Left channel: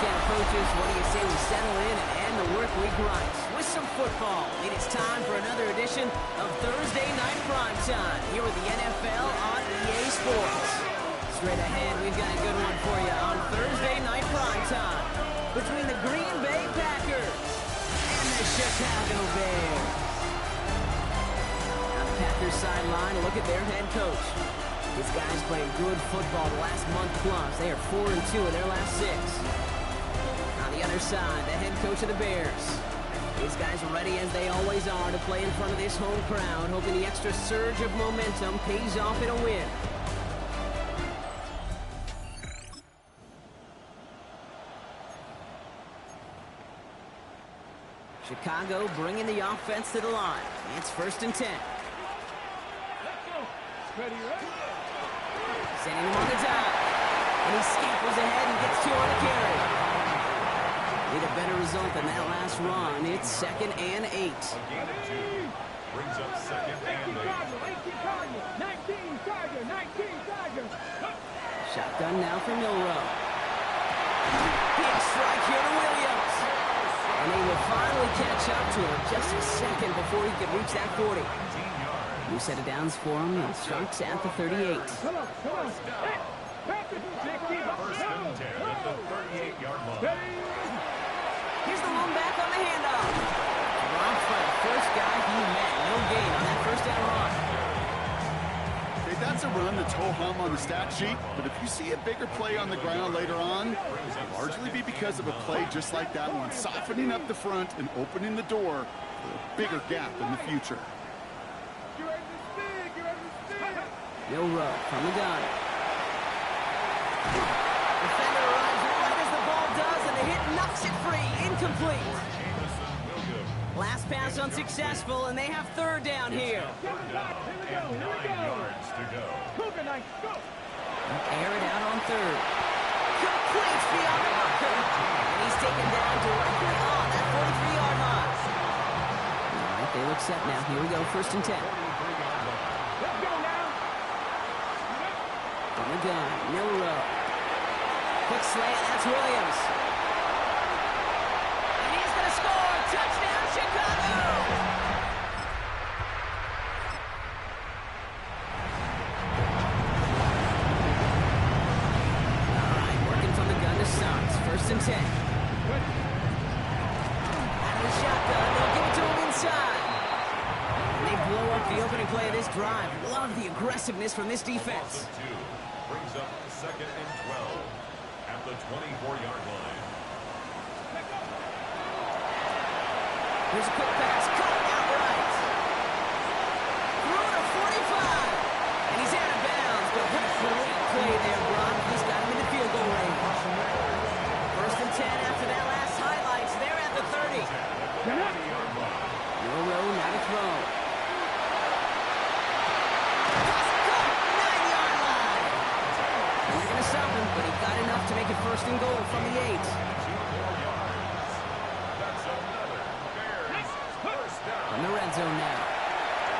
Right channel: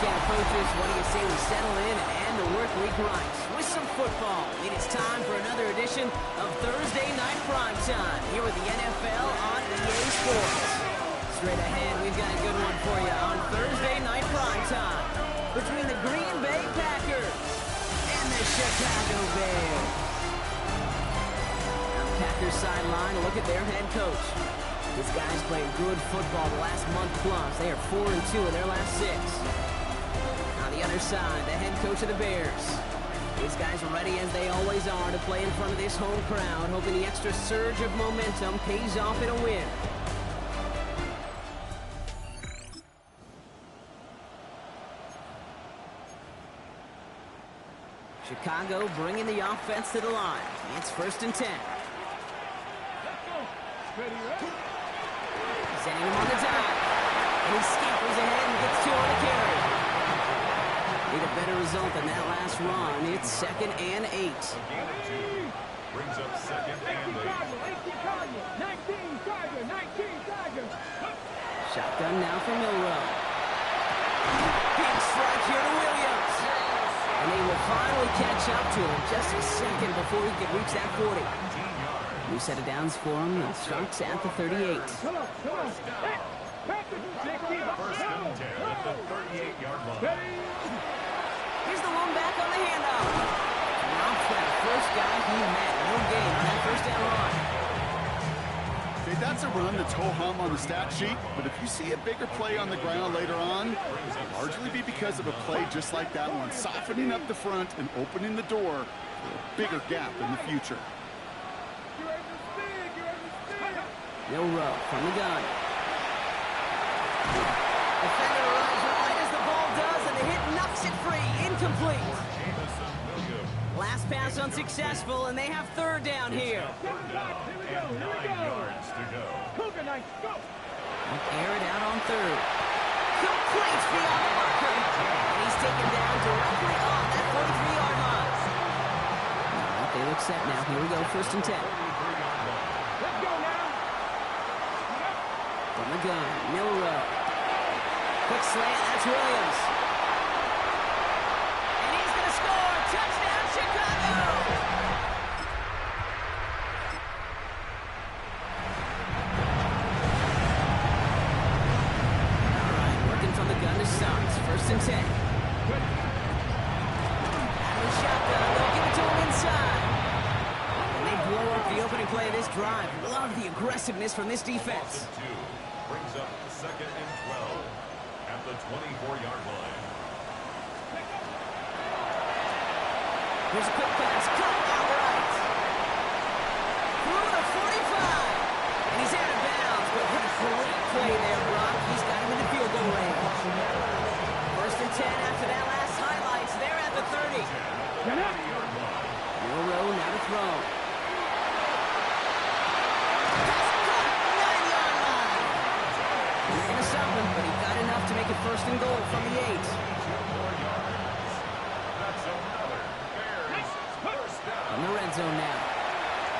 weekend approaches, what do you say we settle in and end the work week right with some football? It is time for another edition of Thursday Night Primetime here with the NFL on EA Sports. Straight ahead, we've got a good one for you on Thursday Night Primetime between the Green Bay Packers and the Chicago Bears. On the Packers sideline, a look at their head coach. These guys played good football the last month plus. They are 4-2 in their last 6. On the other side, the head coach of the Bears. These guys are ready as they always are to play in front of this home crowd, hoping the extra surge of momentum pays off in a win. Chicago bringing the offense to the line. It's 1st and 10. Let's go. Ready, ready? Sending him on the dive. And he scampers ahead and gets 2 on the carry. Need a better result than that last run. It's 2nd and 8. A gain of 2 brings up 2nd and 8. 19 Tiger. Shotgun now for Milrow. Big strike here to Williams. And they will finally catch up to him just a second before he could reach that 40. 19 yards. New set of downs for him. It starts at the 38. Come on. First down. First and 10 at the 38-yard line. Here's the one back on the handoff. Dropped by the first guy he met. No gain on that first down run. Okay, that's a run that's ho-hum on the stat sheet, but if you see a bigger play on the ground later on, it'll largely be because of a play just like that one, softening up the front and opening the door for a bigger gap in the future. Milrow from the gun. Defender arrives right as the ball does, and the hit knocks it free. Incomplete. Last pass unsuccessful, and they have 3rd down here. 3rd down and 9 yards to go. Cougar Knights, go. Air it out on 3rd. Complete beyond the marker. And he's taken down directly on that 43-yard line. All right, they look set now. Here we go, 1st and 10. 43-yard line. Let's go now. From the gun, Milrow. Quick slant, that's Williams. And he's going to score. Touchdown, Chicago! All right, working from the gun to start. 1st and 10. Out of the shotgun, they'll give it to him inside. And they blow up the opening play of this drive. Love the aggressiveness from this defense. 2 brings up 2nd and 12 at the 24-yard line. Here's a quick pass, cut outright. Through the 45. And he's out of bounds, but what a great play there, Brock. He's got him in the field goal range. 1st and 10 after that last highlights. They're at the 30. Milrow now to throw. Pass cut, 9-yard line. We're going to stop him, but he got enough to make it 1st and goal from the 8. 2 more yards. That's another Bears first down. On the red zone now.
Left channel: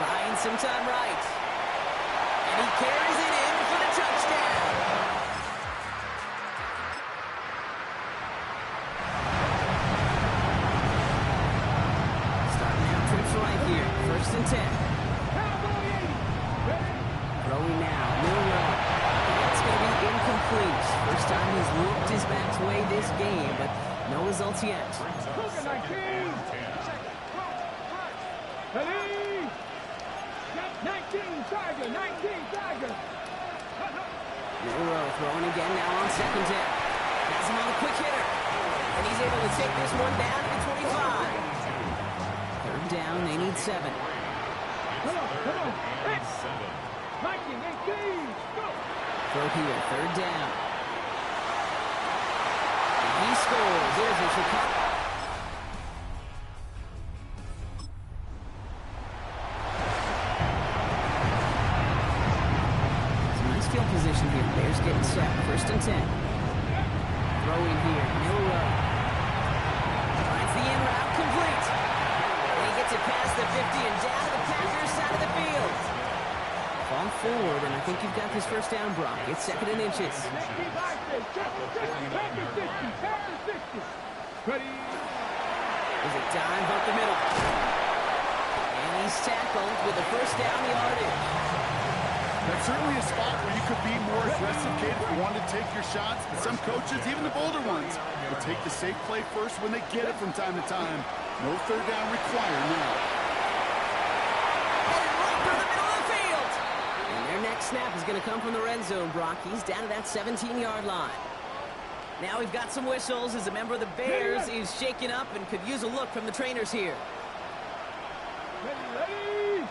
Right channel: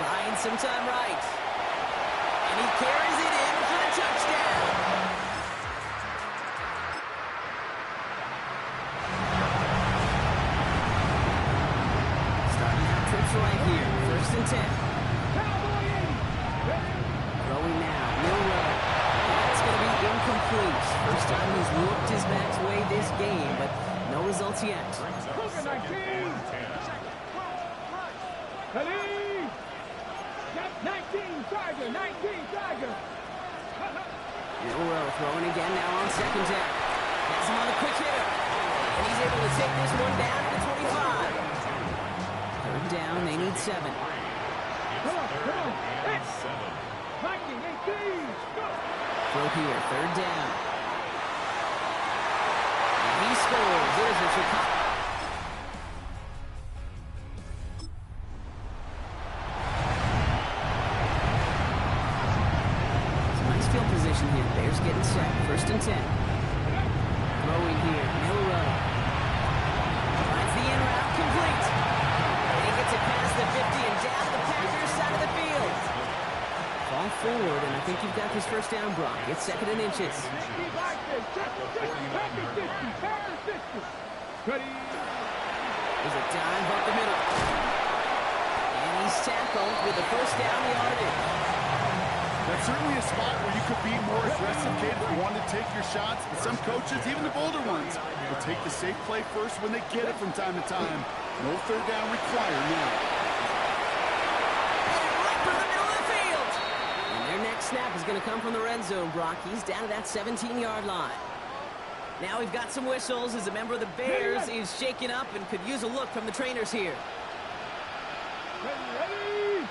Buying some time right. And he carries it in for the touchdown. Starting out trips right here. 1st and 10. Throwing now. Milrow. That's going to be incomplete. First time he's looked his back's way this game, but no results yet. Brings up 2nd and 10. 19 Tiger. Milrow throwing again now on 2nd down. Has him on the quick hitter. And he's able to take this one down to the 25. 3rd down, they need 7. Come on. And 7. 19, 18, go. Throw here, 3rd down. And he scores. It is a Chicago. Field position here. Bears getting set. 1st and 10. Throwing here. Milrow. Finds the in route. Complete. And he gets it past the 50 and down to the Packers side of the field. Fall forward, and I think you've got this first down, Brock. It's 2nd and inches. There's a dive up the middle. And he's tackled with the first down yardage. That's certainly a spot where you could be more aggressive, kid, if you want to take your shots. But some coaches, even the bolder ones, will take the safe play first when they get it from time to time. No third down required now. And right through the middle of the field. And their next snap is going to come from the red zone, Brock. He's down to that 17-yard line. Now we've got some whistles as a member of the Bears is shaken up and could use a look from the trainers here. Ready?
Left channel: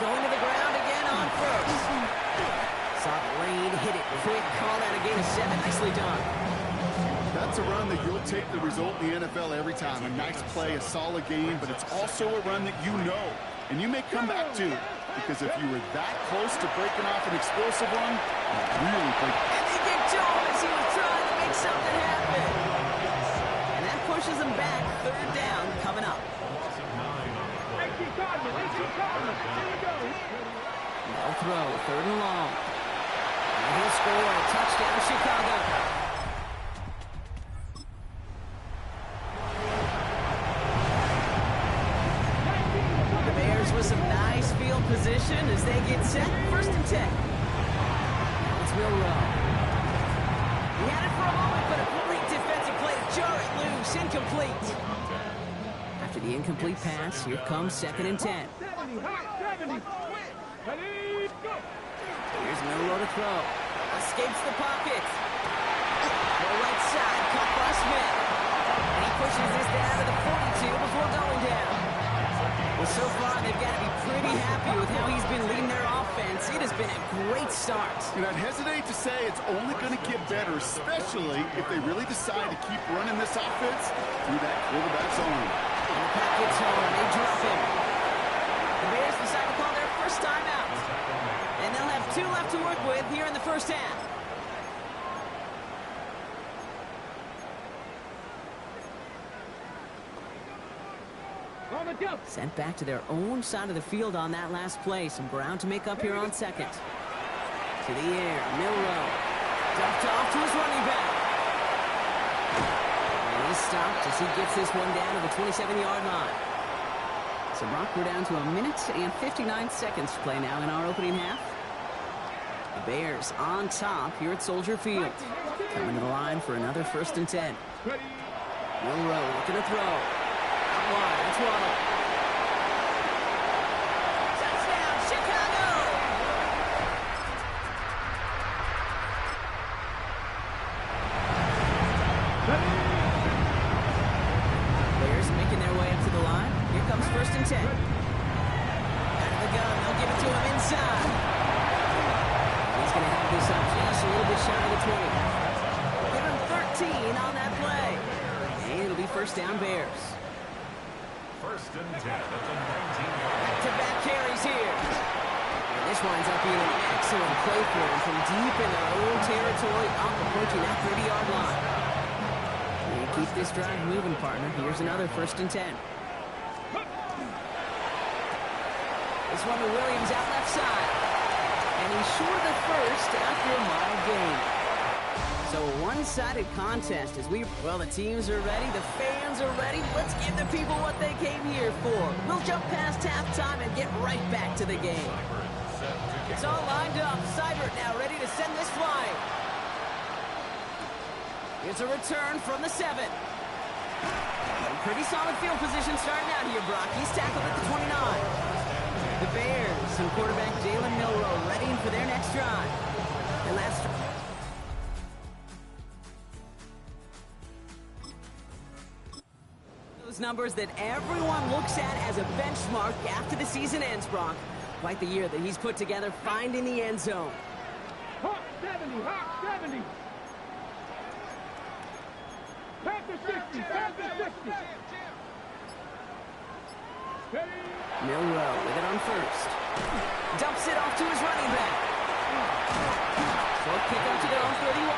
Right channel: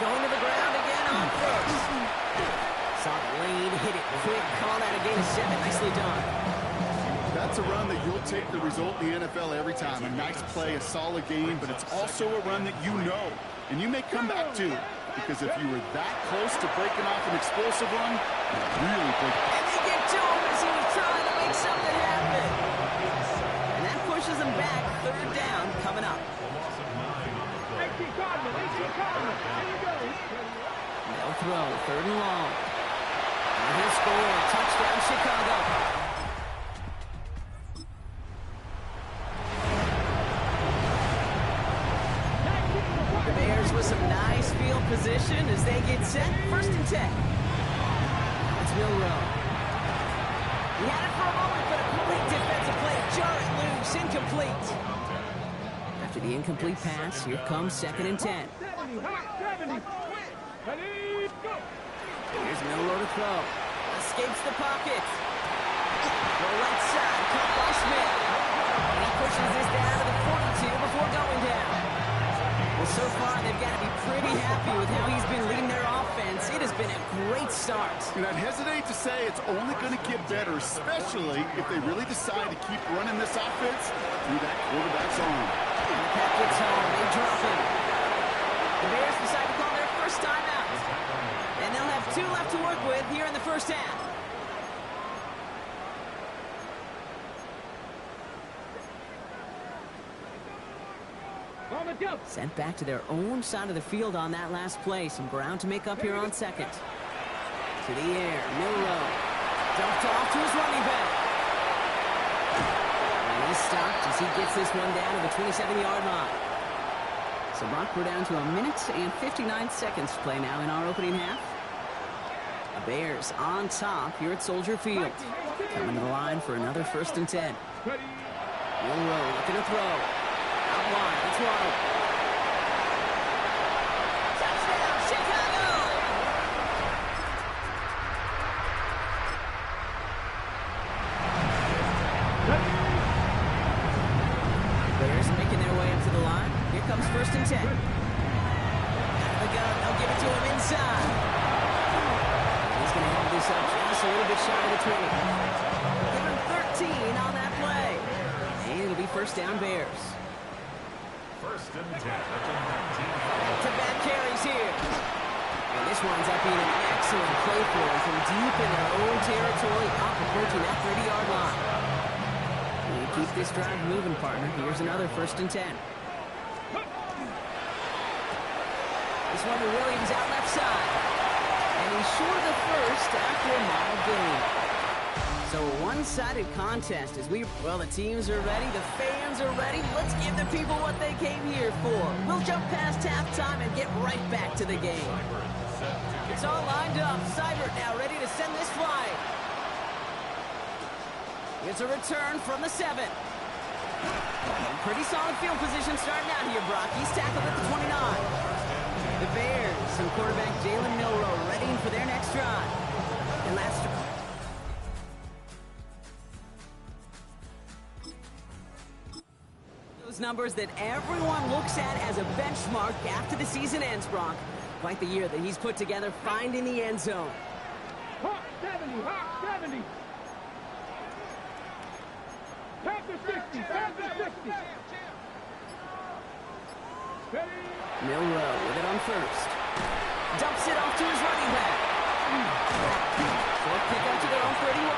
Going to the ground again on first. Saw the lane, hit it quick, call that a gain of 7. Nicely done. That's a run that you'll take the result in the NFL every time. A nice play, a solid game, but it's also a run that you know. And you may come back to, because if you were that close to breaking off an explosive run, you really break. And they get to him as he was trying to make something happen. And that pushes him back. 3rd down coming up. They'll throw, 3rd and long. And he'll score. Touchdown, Chicago. The Bears with some nice field position as they get set. 1st and 10. Now it's Milrow. He had it for a moment, but a great defensive play to jar it loose. Incomplete. After the incomplete pass, here comes 2nd and 10. Here's Milrow to throw. Escapes the pocket. Go right side, caught by Smith. And he pushes this down to the 42 before going down. Well, so far, they've got to be pretty happy with how he's been leading their offense. It has been a great start. And I'd hesitate to say it's only going to get better, especially if they really decide to keep running this offense through that quarterback's arm. And the pack gets home. They drop him. The Bears decide to call their first timeout. And they'll have 2 left to work with here in the first half. Sent back to their own side of the field on that last play. Some ground to make up here on 2nd. To the air, Milrow. Dumped off to his running back. And he's stopped as he gets this one down to the 27-yard line. So, Brock, we're down to 1 minute and 59 seconds to play now in our opening half. The Bears on top here at Soldier Field. Coming to the line for another 1st and 10. Milrow looking to throw. Out wide, it's Waddle. Touchdown, Chicago! Bears making their way up to the line. Here comes 1st and 10. Out of the gun, they'll give it to him inside. He's going to have this up just a little bit shy of the 20. Give him 13 on that play. And it'll be 1st down, Bears. 1st and 10 at the 19-yard. Back-to-back carries here. And this winds up being an excellent play for them from deep in their own territory, up approaching that 30-yard line. And keep this drive moving, partner. Here's another 1st and 10. This one to Williams out left side. And he's short of the first after a mild gain. So a one-sided contest as the teams are ready, the fans are ready. Let's give the people what they came here for. We'll jump past halftime and get right back to the game. It's all lined up. Seibert now ready to send this flying. Here's a return from the 7. Pretty solid field position starting out here, Brock. He's tackled at the 29. The Bears and quarterback Jalen Milrow ready for their next drive. And last those numbers that everyone looks at as a benchmark after the season ends, Brock. Quite the year that he's put together finding the end zone. Hawk 70, Hawk 70. Panther 60, Panther 60. Milrow with it on 1st. Dumps it off to his running back. Short kick up to their own 31.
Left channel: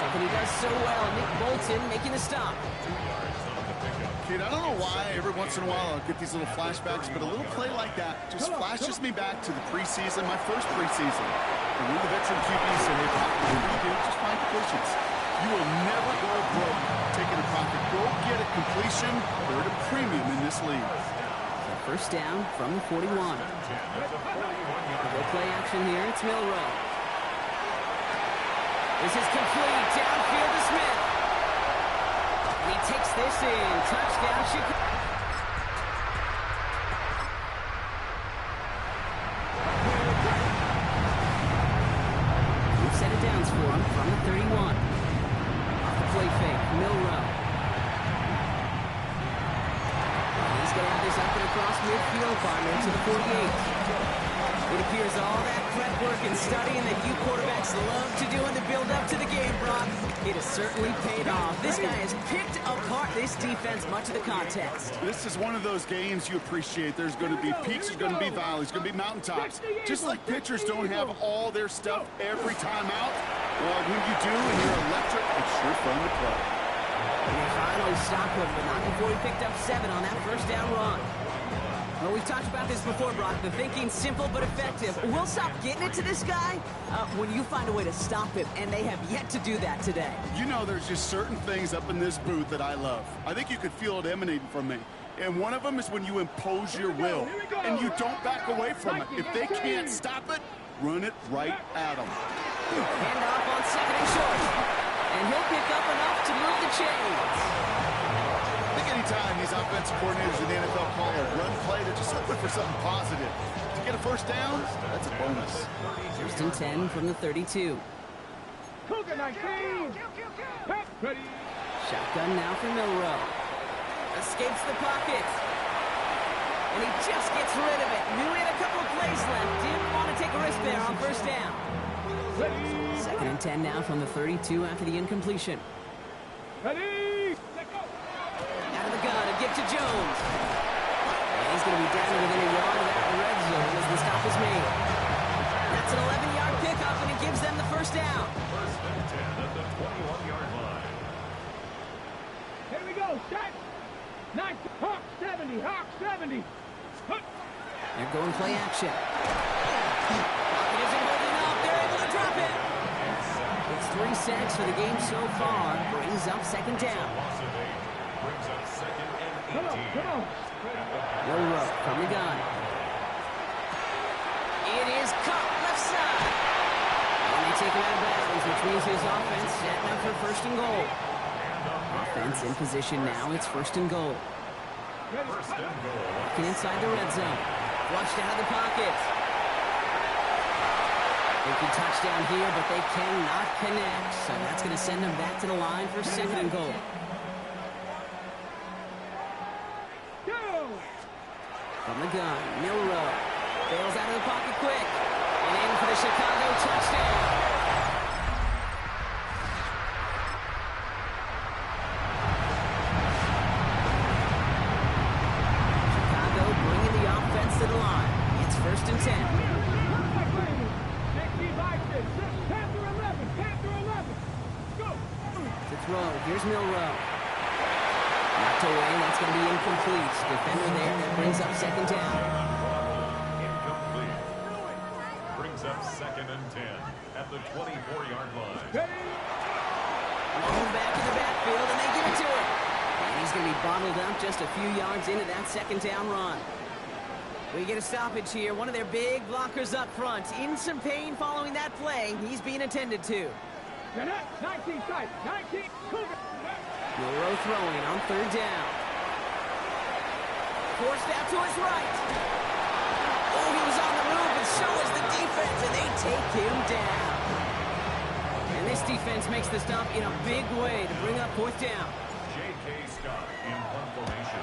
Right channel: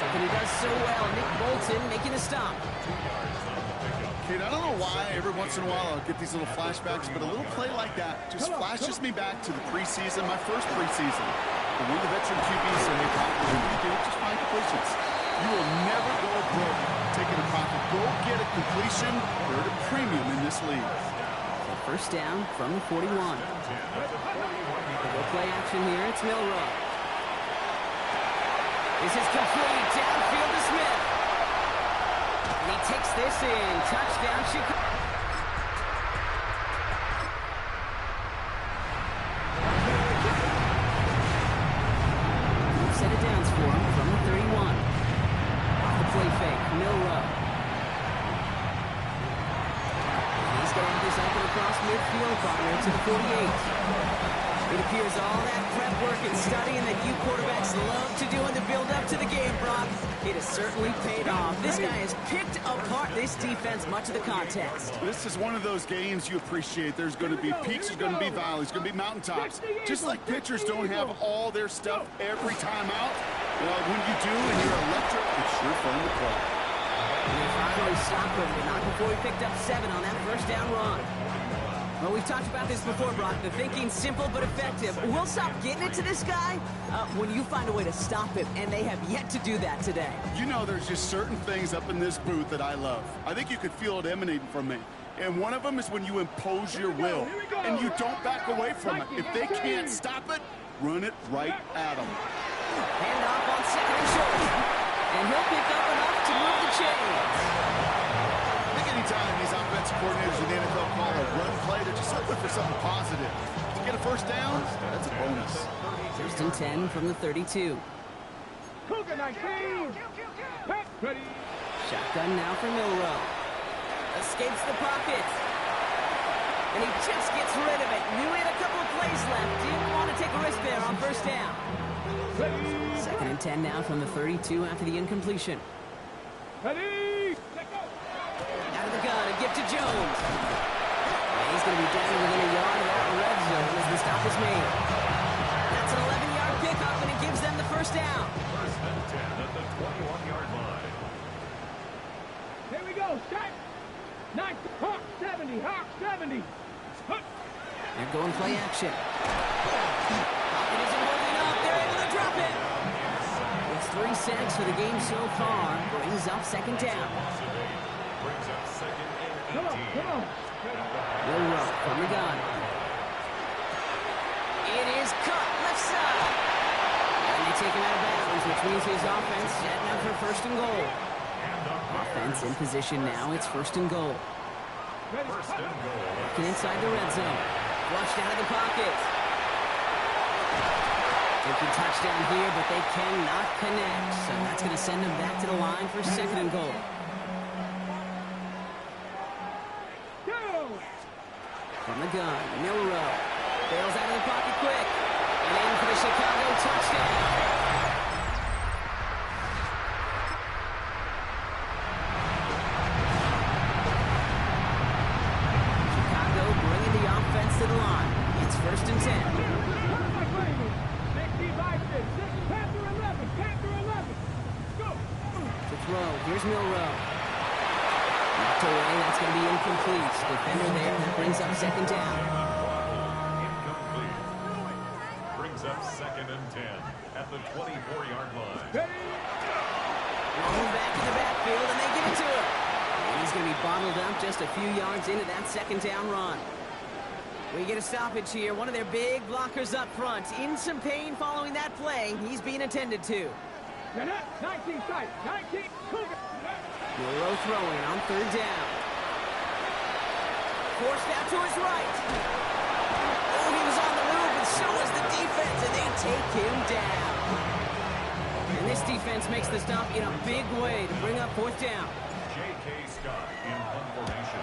Something he does so well. Nick Bolton making the stop. 2 yards on the pickup. Kid, I don't know why every once in a while I'll get these little flashbacks, but a little play like that just flashes me back to the preseason, my first preseason. And one of the veteran QBs said, hey, Brock, whatever you do, just find completions. You will never go broke taking a profit. Go get a completion. They're at a premium in this league. So first down from the 41. Go play action here. It's Milrow. This is complete. Downfield to Smith. And he takes this in. Touchdown, Chicago. We've set it downs for him from the 31. Off the play fake, Milrow. And he's going to have this up and across midfield, partner to the 48. It appears all that prep work and studying that you quarterbacks love to do in the build-up to the game, Brock, it has certainly paid off. This guy has picked apart this defense much of the contest. This is one of those games you appreciate. There's going to be peaks, there's going to be valleys, there's going to be mountaintops. Just like pitchers don't have all their stuff every time out, well, when you do and you're electric, it's sure fun to play. And they finally stopped him, but not before he picked up 7 on that first down run. Well, we've talked about this before, Brock. The thinking's simple but effective. We'll stop getting it to this guy when you find a way to stop him, and they have yet to do that today. You know, there's just certain things up in this booth that I love. I think you could feel it emanating from me. And one of them is when you impose your will, and you don't back away from it. If they can't stop it, run it right at them. Handoff on second and short. And he'll pick up enough to move the chains. I think anytime these offensive coordinators in the NFL call a run play, they're just hoping for something positive. To get a first down, that's a bonus. First and 10 from the 32. Cougar 19. Pack ready. Shotgun now for Milrow. Escapes the pocket. And he just gets rid of it. Knew he had a couple of plays left. Didn't want to take a risk there on first down. Ready. Second and 10 now from the 32 after the incompletion. Ready. Let go. Out of the gun, a gift to Jones. And he's going to be down within a yard of that red zone as the stop is made. That's an 11-yard pickup, and it gives them the first down. First and 10 at the 21-yard line. Here we go. Set. Nice. Hawk 70. Hawk 70. They're going play action. Pocket isn't holding up. They're able to drop it. It's 3 sacks for the game so far. Brings up second down. Loss of 8 brings up second and 18. Come on. Come on. Milrow from the gun. It is cut left side. And they take him out of bounds, which means his offense setting up for first and goal. Offense in position now. It's first and goal. First and goal. Looking inside the red zone. Flushed out of the pocket. Thinking touchdown here, but they cannot connect. So that's going to send them back to the line for second and goal. Go. From the gun, Milrow. Bails out of the pocket quick. And in for the Chicago touchdown. Chicago bringing the offense to the line. It's first and 10. Panther 11. Panther 11. Go. To throw. Here's Milrow. Knocked away. That's going to be incomplete. Defender there. That brings up second down. Incomplete. Brings up second and 10 at the 24-yard line. Long back in the backfield, and they give it to him. And he's going to be bottled up just a few yards into that second down run. We get a stoppage here. One of their big blockers up front. In some pain following that play. He's being attended to. 19 side. 19. Cougar. Milrow throwing on third down. Forced out to his right. Oh, he was on the move, but so was the defense, and they take him down. And this defense makes the stop in a big way to bring up fourth down. J.K. Scott in punt formation.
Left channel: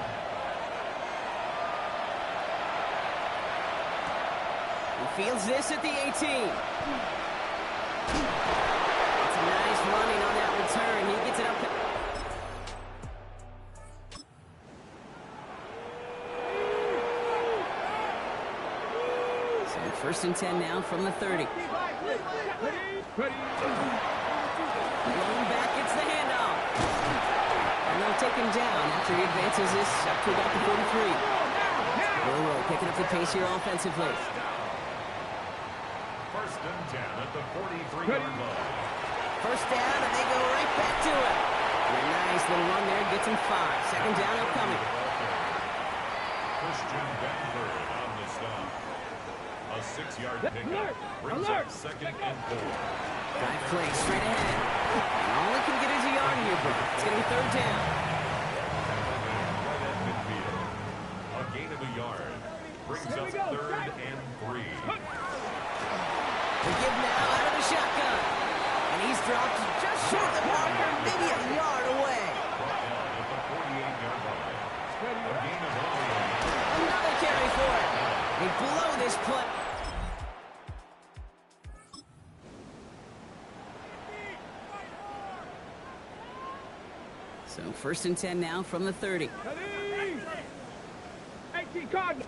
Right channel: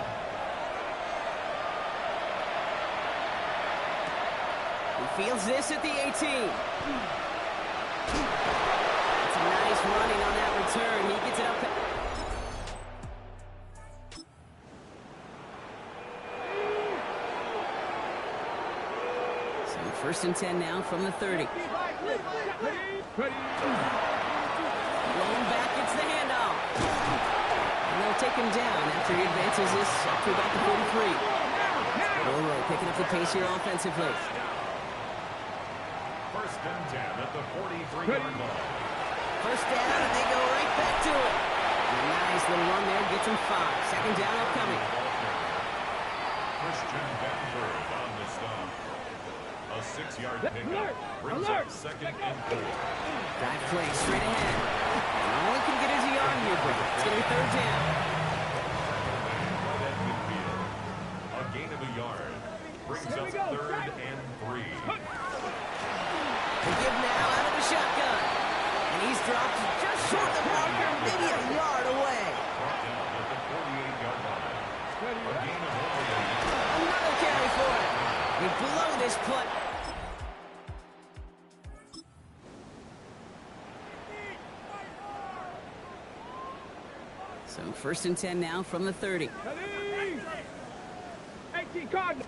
He fields this at the 18. It's a nice running on that return. He gets it up. So first and 10 now from the 30. Ready. Going back, it's the handoff. And they'll take him down after he advances this up to about the 43. Milrow picking up the pace here offensively. First and 10 at the 43-yard line. First down, and they go right back to it. And a nice little run there gets him 5. Second down upcoming. Christian Benford on the stop. A 6-yard pickup brings up second and 4. Drive play straight ahead. And all he can get is a yard here, bro. It's going to be third down. Tackle made right at midfield. A gain of a yard brings up third and 3. The give now out of the shotgun. And he's dropped just short of the marker, maybe a yard away. Brought down at the 48-yard line. A gain of only a yard. Another carry for him. They blow this punt. So first and 10 now from the 30. 18 Cardinal.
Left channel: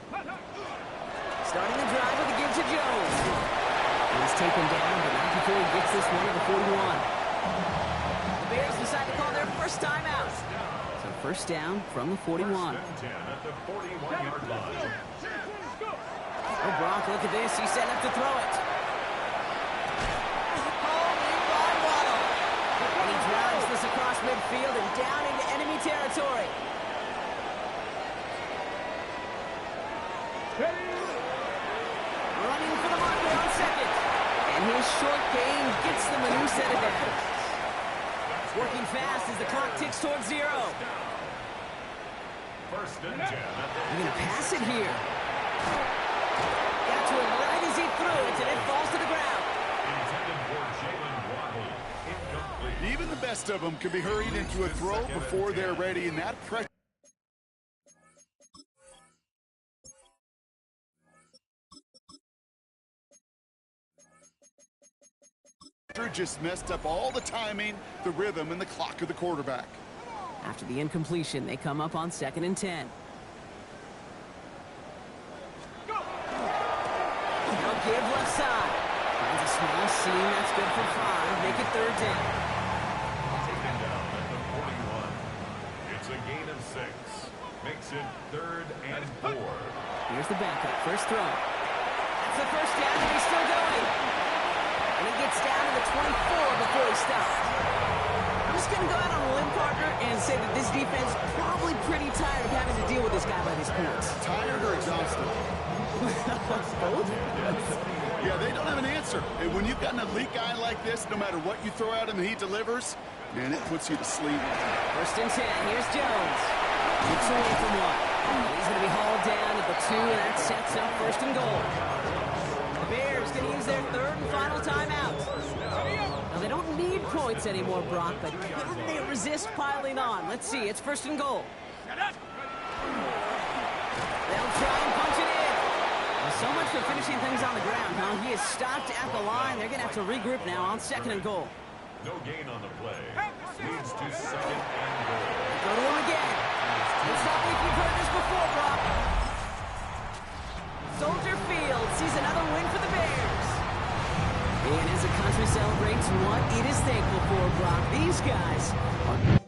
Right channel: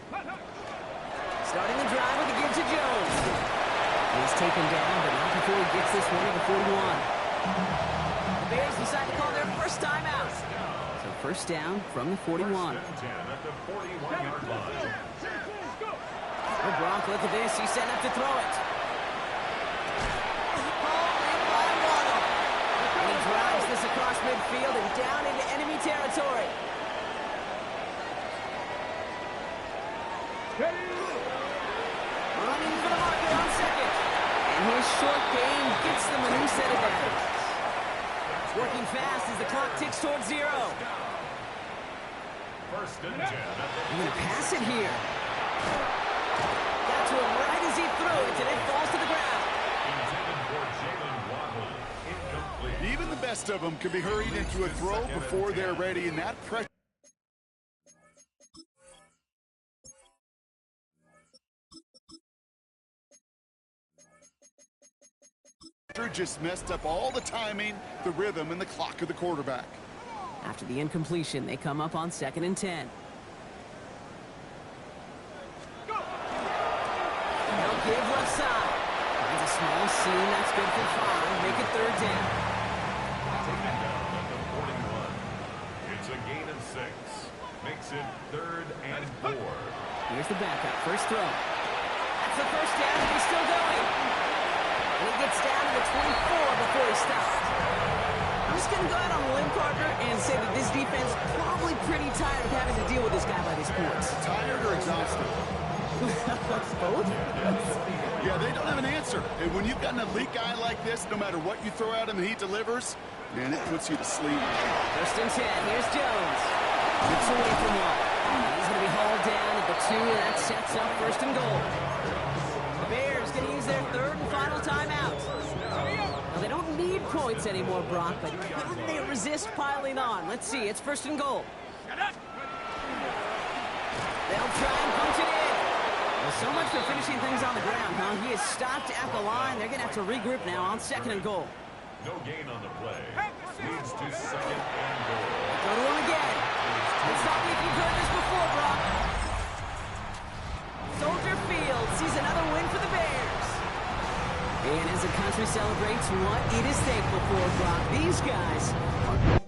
Starting the drive with a give to Jones. He's taken down, but not before he gets this one at the 41. The Bears decide to call their first timeout. So first down from the 41. First and 10 at the 41-yard line. Oh, Brock, look at this. He's set up to throw it. Called in by Waddle. And he drives this across midfield and down into enemy territory. Running for the marker on second. And his short gain gets them a new set of downs. Working fast as the clock ticks towards 0. First and 10 at the They're going to pass it here. Got to him right as he threw it, and it falls to the ground. intended for Jalen Waddle. Incomplete. Even the best of them can be hurried into a throw before they're ready, and that pressure just messed up all the timing, the rhythm, and the clock of the quarterback. After the incompletion, they come up on second and 10. They'll give left side. Finds a small seam. That's good for 5. Make it third down. Taken down at the 41. It's a gain of 6. Makes it third and 4. Here's the backup. First throw. That's the first down, and he's still going. And he gets down to the 24 before he stops. I'm just going to go out on a limb, Parker, and say that this defense is probably pretty tired of having to deal with this guy by these points. Tired or exhausted? Both? Yeah, they don't have an answer. And when you've got an elite guy like this, no matter what you throw at him, he delivers, man, it puts you to sleep. First and 10. Here's Jones. Gets away from one. And he's going to be hauled down at the 2, and that sets up first and goal. The Bears going to use their third and final timeout. Now, they don't need points anymore, Brock, but can they resist piling on? Let's see. It's first and goal. They'll try and punch it in. Well, so much for finishing things on the ground, huh? He is stopped at the line. They're going to have to regroup now on second and goal. No gain on the play. Leads to second and goal. Go to him again. And stop me if you've heard this before, Brock. Soldier Field sees another win for the Bears. And as the country celebrates what it is thankful for, Brock, these guys are...